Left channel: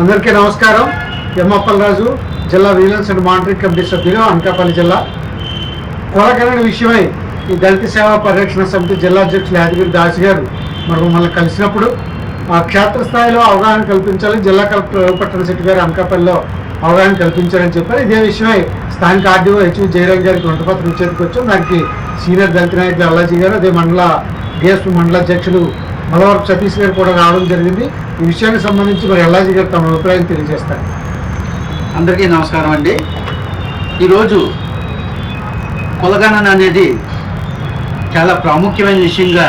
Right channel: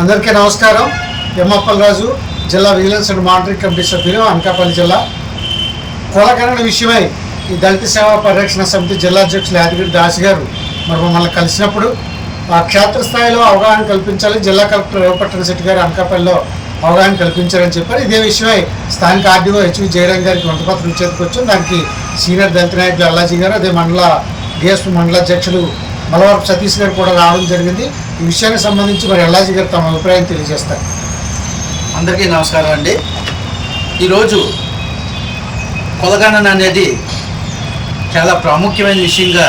అందరికీ నమస్కారం. ఎమ్మప్పలరాజు జిల్లా విజిలెన్స్ అండ్ మానిటరింగ్ కమిటీ సభ్యులు అనకాపల్లి జిల్లా. కులగణన విషయమై ఈ దళిత సేవా పరిరక్షణ సమితి జిల్లా అధ్యక్షులు యాదగిరి దాస్ గారు మరి మమ్మల్ని కలిసినప్పుడు ఆ క్షేత్రస్థాయిలో అవగాహన కల్పించాలి జిల్లా కలెక్టర్ రేవపట్టణ శెట్టి గారు అనకాపల్లిలో అవగాహన కల్పించారని చెప్పారు. ఇదే విషయమై స్థానిక ఆర్డీఓ హెచ్వి జయరాం గారికి వంటపత్రం చేతికి వచ్చాం దానికి సీనియర్ దళిత నాయకులు అల్లాజీ గారు అదే మండల డిఎస్పీ మండల అధ్యక్షులు మలవరపు సతీష్ గారు కూడా రావడం జరిగింది. ఈ విషయానికి సంబంధించి మరి ఎల్లాజీ గారు తమ అభిప్రాయం తెలియజేస్తారు. అందరికీ నమస్కారం అండి. ఈరోజు కొలగణన అనేది చాలా ప్రాముఖ్యమైన విషయంగా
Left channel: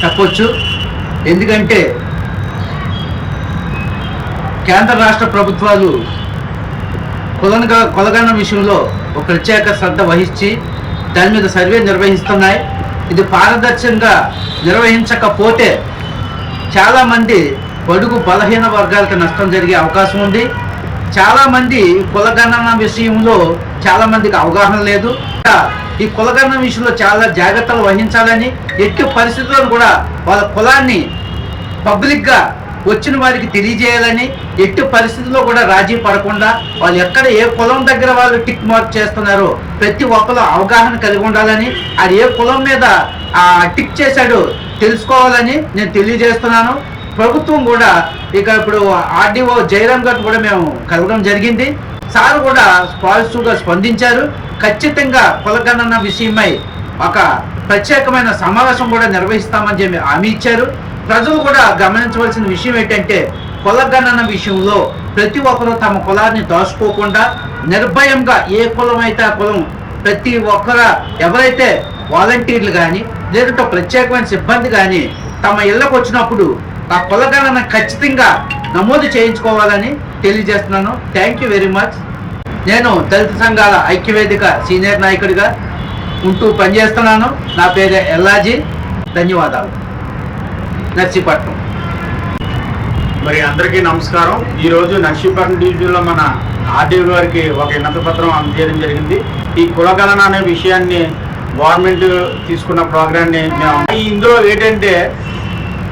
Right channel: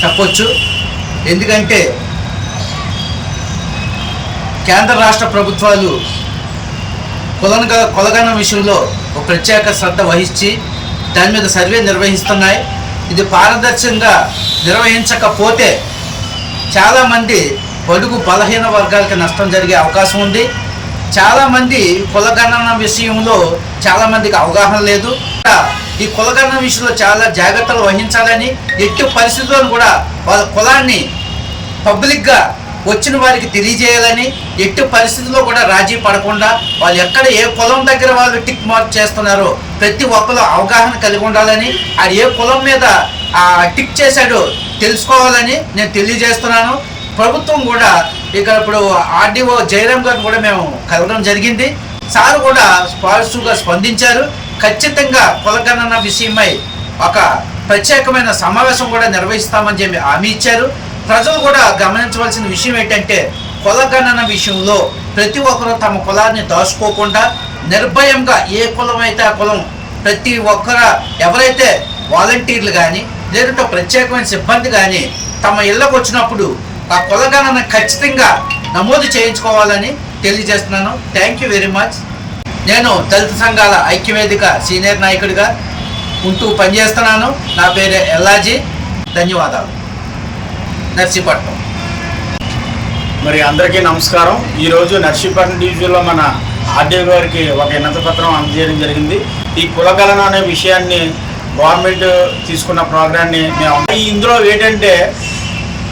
చెప్పొచ్చు. ఎందుకంటే కేంద్ర రాష్ట్ర ప్రభుత్వాలు కొలనగా కొలగణన విషయంలో ఒక ప్రత్యేక శ్రద్ధ వహించి దాని మీద సర్వే నిర్వహిస్తున్నాయి. ఇది పారదర్శకంగా నిర్వహించకపోతే చాలామంది బడుగు బలహీన వర్గాలకు నష్టం జరిగే అవకాశం ఉంది. చాలామంది కులగణన విషయంలో చాలామందికి అవగాహన లేదు. ఈ కులగణన విషయంలో చాలా జాగ్రత్తలు వహించాలని ఎట్టి పరిస్థితుల్లో కూడా వాళ్ళ కులాన్ని పబ్లిక్గా వచ్చిన వారికి తెలియజేయాలని ఎట్టి పరిస్థితుల్లో కూడా రాజీ పడకుండా వాళ్ళు ఎక్కడ ఏ కులం దగ్గర వాళ్ళు టిక్ మార్క్ చేస్తున్నారో ప్రతి ఒక్కరు అవగాహన కలిగి ఉండాలని అది ఏ కులం మీద ఆ టిక్ చేశాడో తెలుసుకోవాలని నేను తెలియజేస్తున్నాను. ప్రభుత్వం కూడా ఇక ఇప్పుడు ఆర్డీఓ జయరామ్ గారిని కూడా మేము కలవడం జరిగింది. సార్ కూడా పాజిటివ్గా స్పందించారు. ఖచ్చితంగా కులగణన విషయమై ఒక ప్రత్యేకమైన సమావేశం కూడా నిర్వహిస్తామని చెప్పి హామీ ఇచ్చారు. ప్రజలు కూడా గమనించవలసిన విషయం ఏంటంటే కులగణన విషయంలో ప్రతి ఒక్కరూ తమ కులాన్ని దాచుకోకుండా నిర్భయంగా ఏ కులం అయితే ఆ కులం ప్రతి ఒక్కర ఎవరైతే వాలంటీర్లు కానీ లేదంటే ప్రత్యేకమైన సిబ్బంది కానీ తమ ఇళ్ళకు వచ్చినప్పుడు ఆ కులగణన ఖచ్చితంగా నమోదు చేయించుకోవాలని తెలియజేస్తున్నాను. థ్యాంక్ యూ వెరీ మచ్ నేను దళిత సంఘాల ఐక్యవేదిక సీనియర్ నాయకుడిగా ఉంటూ పనిచేస్తున్నాను. నా పేరు ఎల్లాజీ. ధన్యవాదాలు. నర్సీపట్నం. మరి అందరికీ నమస్కారం. ఈరోజు నర్సీపట్నం డివిజన్లో మన ఆర్డీఓ గారికి ఒక వినతి పత్రం అందజేయడం జరిగింది. ఈ కులగలన అనే విషయాన్ని గవర్నమెంట్ తీసుకున్న ప్రోగ్రాన్ని మేము ఇందులో ఏంటంటే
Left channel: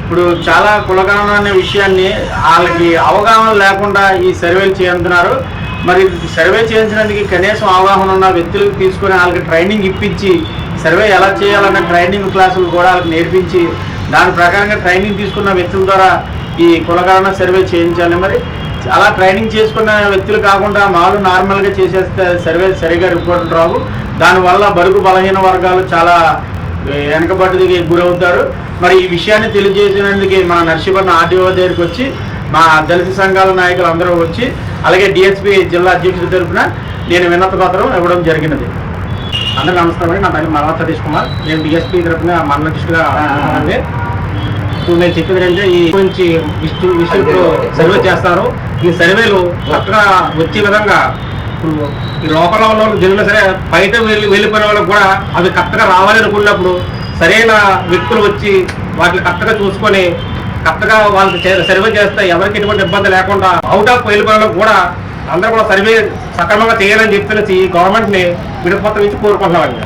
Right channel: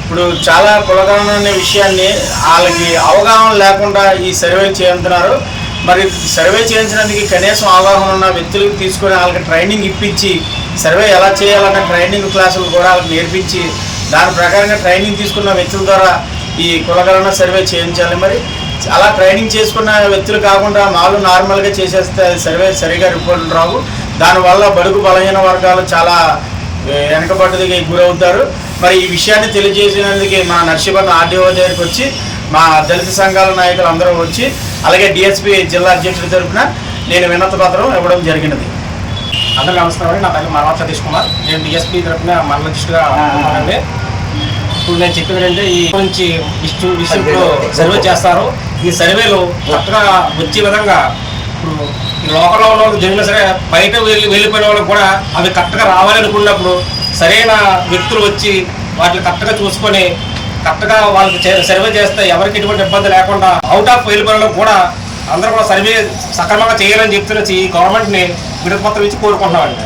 ఇప్పుడు చాలా కులగలన అనే విషయాన్ని వాళ్ళకి అవగాహన లేకుండా ఈ సర్వేలు చేస్తున్నారు మరి సర్వే చేయించడానికి కనీసం అవగాహన ఉన్న వ్యక్తులకు తీసుకొని వాళ్ళకి ట్రైనింగ్ ఇప్పించి సర్వే ఎలా చేయాలనే ట్రైనింగ్ క్లాసులు కూడా వాళ్ళకి నేర్పించి దాని ప్రకారంగా ట్రైనింగ్ తీసుకున్న వ్యక్తుల ద్వారా ఈ కులగణన సర్వే చేయించాలి. మరి అలా ట్రైనింగ్ చేసుకున్న వ్యక్తులు కాకుండా మాలు నార్మల్గా చేసేస్తే సర్వే సరిగా రిపోర్ట్ రావు. దానివల్ల బడుగు బలహీన వర్గాలు చాలా ఏ, వెనకబడ్డదికి గురవుతారు. మరి ఈ విషయాన్ని తెలియజేసినందుకు మా నర్సీపట్నం ఆర్డీఓ దగ్గరికి వచ్చి మా దళిత సంఘాల నాయకులు అందరూ వచ్చి అలాగే డిఎస్పీ జిల్లా అధ్యక్షుడి తరఫున నేను వినత పత్రం ఇవ్వడం జరిగినది. అందరూ నమస్కారం అండి. నా పేరు మరవా సతీష్ కుమార్. నేను డిఎస్పీ తరపున మండల అధ్యక్షుడిగా ఉన్నానండి ఇప్పుడు నేను చెప్పేది ఏంటంటే ఈ నుంచి విష్ణు విషయంలో సర్వే చేస్తారు. ఈ సర్వేలు చక్కగా వచ్చే విధంగా ఇప్పుడు ఈ లోపల ఉన్న వాళ్ళకి జరిగినా సరే బయట వెళ్ళి వెళ్ళిపోయిన వాళ్ళకి కూడా అవి కరెక్ట్గా రావాలి అనుకున్నప్పుడు సరైన వ్యక్తులు వచ్చి వాటిని కరెక్ట్గా చూసుకొని కరెక్ట్గా వాళ్ళకి సర్వే చేస్తే ఎవరికి ఎటువంటి ఇబ్బంది లేకుండా అవుట్ ఆఫ్ వెళ్ళిపోయిన కూడా అందరూ కూడా సర్వే సక్రమంగా చేయాలని చెప్తున్న ఈ గవర్నమెంట్ని విడతపత్రం ఇచ్చి కోరుకుంటున్నామండి.